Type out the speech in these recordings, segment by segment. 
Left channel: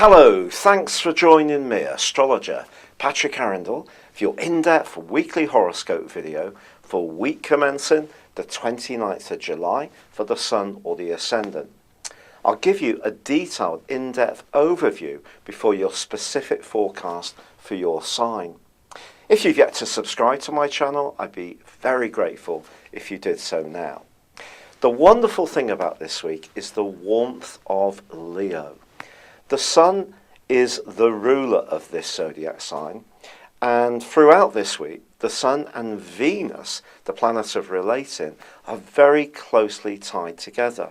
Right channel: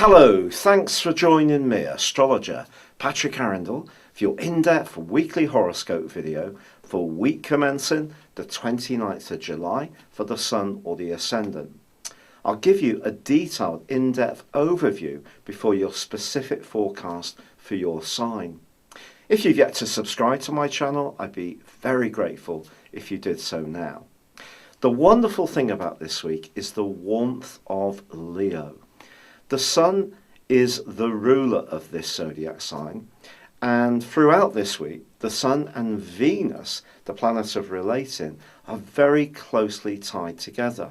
Hello, thanks for joining me, astrologer Patrick Arundell, for your in-depth weekly horoscope video for week commencing the 29th of July for the Sun or the Ascendant. I'll give you a detailed, in-depth overview before your specific forecast for your sign. If you've yet to subscribe to my channel, I'd be very grateful if you did so now. The wonderful thing about this week is the warmth of Leo. The Sun is the ruler of this zodiac sign, and throughout this week, the Sun and Venus, the planet of relating, are very closely tied together.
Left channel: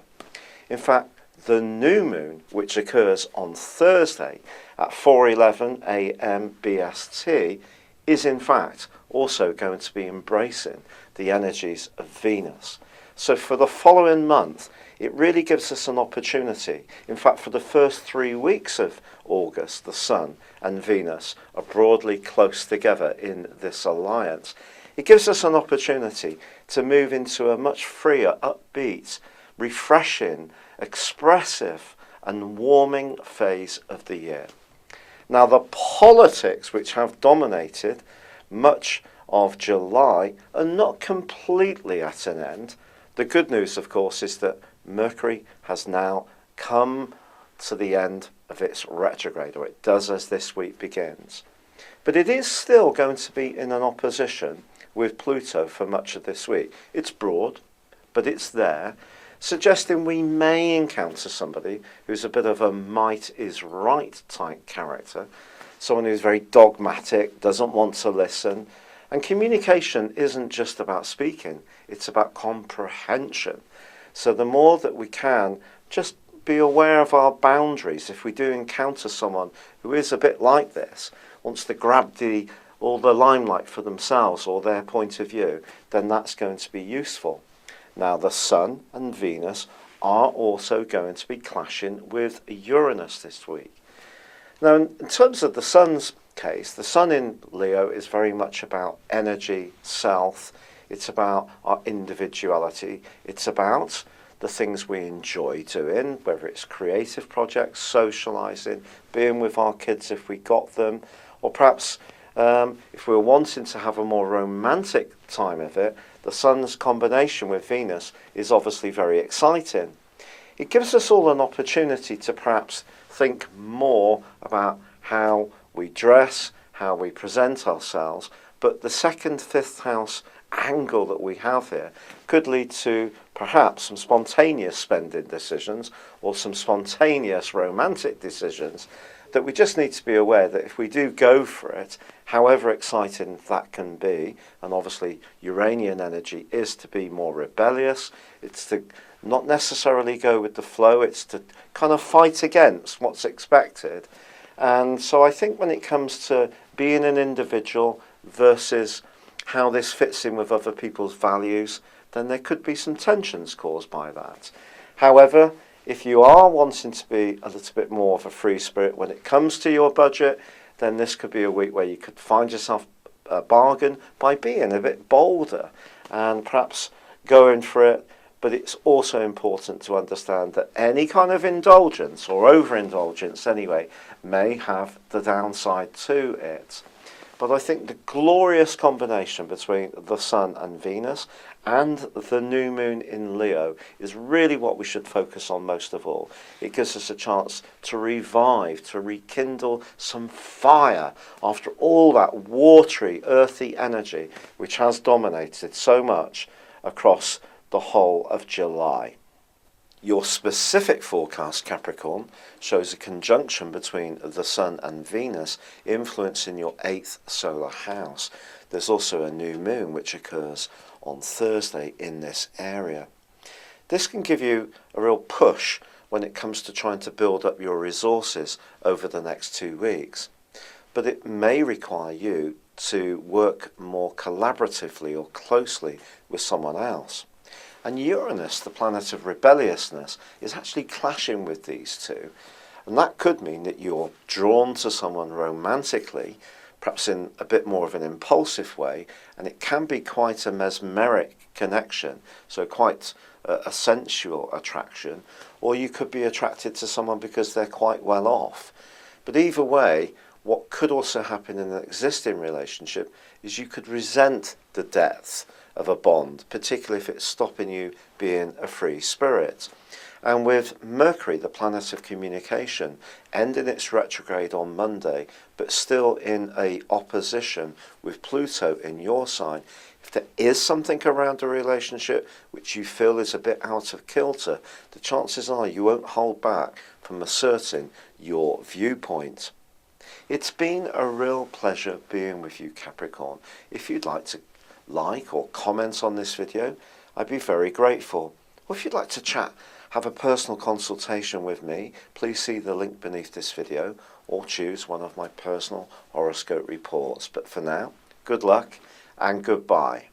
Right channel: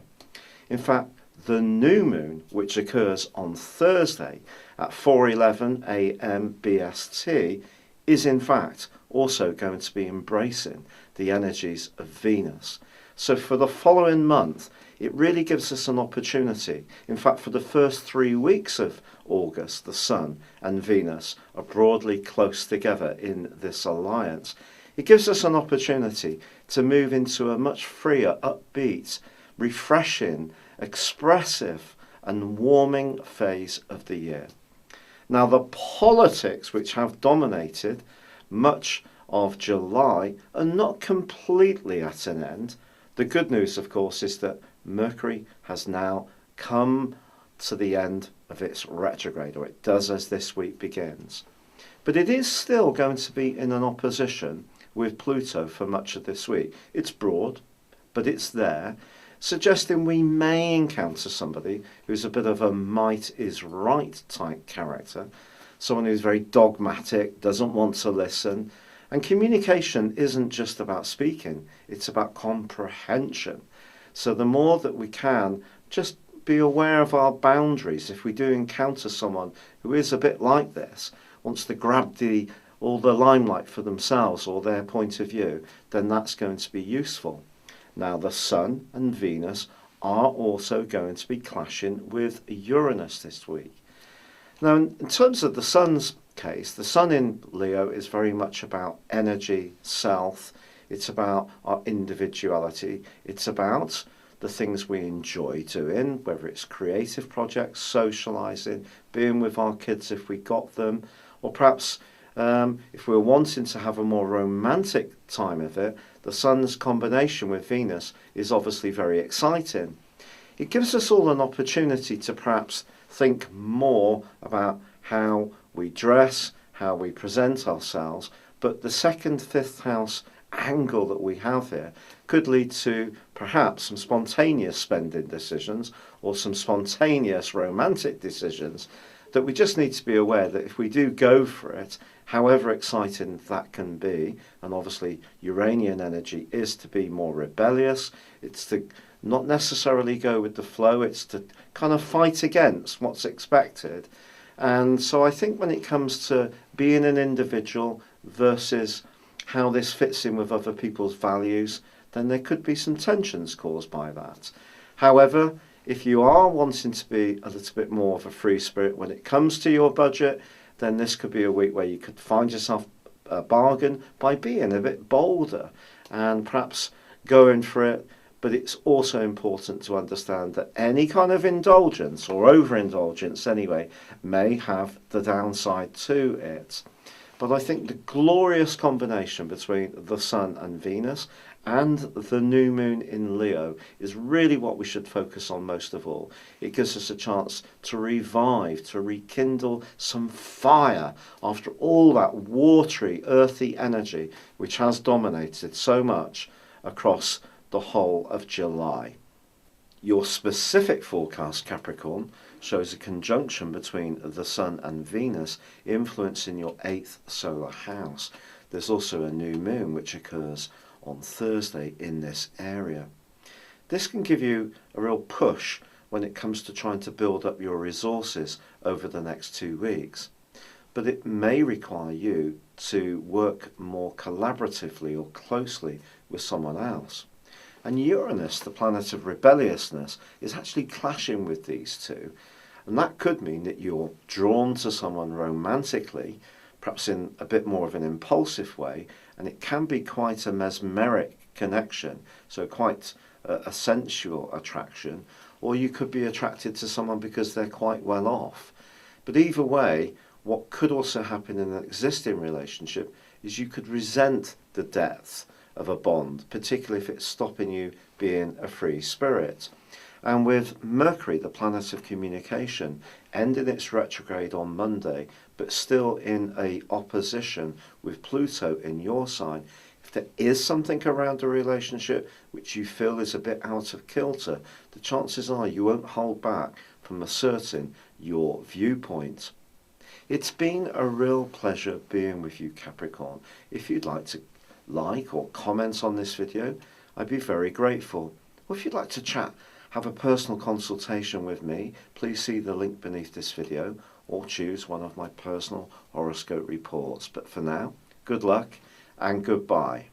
In fact, the new moon, which occurs on Thursday at 4:11 a.m. BST, is in fact also going to be embracing the energies of Venus. So for the following month, it really gives us an opportunity. In fact, for the first 3 weeks of August, the Sun and Venus are broadly close together in this alliance. It gives us an opportunity to move into a much freer, upbeat, refreshing, expressive and warming phase of the year. Now, the politics which have dominated much of July are not completely at an end. The good news, of course, is that Mercury has now come to the end of its retrograde, or it does as this week begins. But it is still going to be in an opposition with Pluto for much of this week. It's broad, but it's there, suggesting we may encounter somebody who's a bit of a might is right type character, someone who's very dogmatic, doesn't want to listen. And communication isn't just about speaking, it's about comprehension. So the more that we can just be aware of our boundaries, if we do encounter someone who is a bit like this, wants to grab all the limelight for themselves or their point of view, then that's going to be useful. Now, the Sun and Venus are also going to be clashing with Uranus this week. Now, in terms of the Sun's case, the Sun in Leo is very much about energy, self. It's about our individuality. It's about the things we enjoy doing, whether it's creative projects, socialising, being with our kids if we got them, or perhaps if we're wanting to have a more romantic time of it, the Sun's combination with Venus is obviously very exciting. It gives us all an opportunity to perhaps think more about how we dress, how we present ourselves, but the second, fifth house angle that we have here could lead to perhaps some spontaneous spending decisions or some spontaneous romantic decisions that we just need to be aware that if we do go for it, however exciting that can be, and obviously Uranian energy is to be more rebellious, it's to not necessarily go with the flow, it's to kind of fight against what's expected. And so I think when it comes to being an individual versus how this fits in with other people's values, then there could be some tensions caused by that. However, if you are wanting to be a little bit more of a free spirit when it comes to your budget, then this could be a week where you could find yourself a bargain by being a bit bolder and perhaps going for it. But it's also important to understand that any kind of indulgence, or overindulgence anyway, may have the downside to it. But I think the glorious combination between the Sun and Venus and the new moon in Leo is really what we should focus on most of all. It gives us a chance to revive, to rekindle some fire after all that watery, earthy energy which has dominated so much across the whole of July. Your specific forecast, Capricorn, shows a conjunction between the Sun and Venus influencing your 8th solar house. There's also a new moon which occurs on Thursday in this area. This can give you a real push when it comes to trying to build up your resources over the next 2 weeks. But it may require you to work more collaboratively or closely with someone else. And Uranus, the planet of rebelliousness, is actually clashing with these two. And that could mean that you're drawn to someone romantically, perhaps in a bit more of an impulsive way, and it can be quite a mesmeric connection, so quite a sensual attraction, or you could be attracted to someone because they're quite well off. But either way, what could also happen in an existing relationship is you could resent the depth of a bond, particularly if it's stopping you being a free spirit. And with Mercury, the planet of communication, ending its retrograde on Monday, but still in a opposition with Pluto in your sign, if there is something around a relationship which you feel is a bit out of kilter, the chances are you won't hold back from asserting your viewpoint. It's been a real pleasure being with you, Capricorn. If you'd like to like or comment on this video, I'd be very grateful. Or if you'd like to chat, have a personal consultation with me, please see the link beneath this video or choose one of my personal horoscope reports. But for now, good luck and goodbye.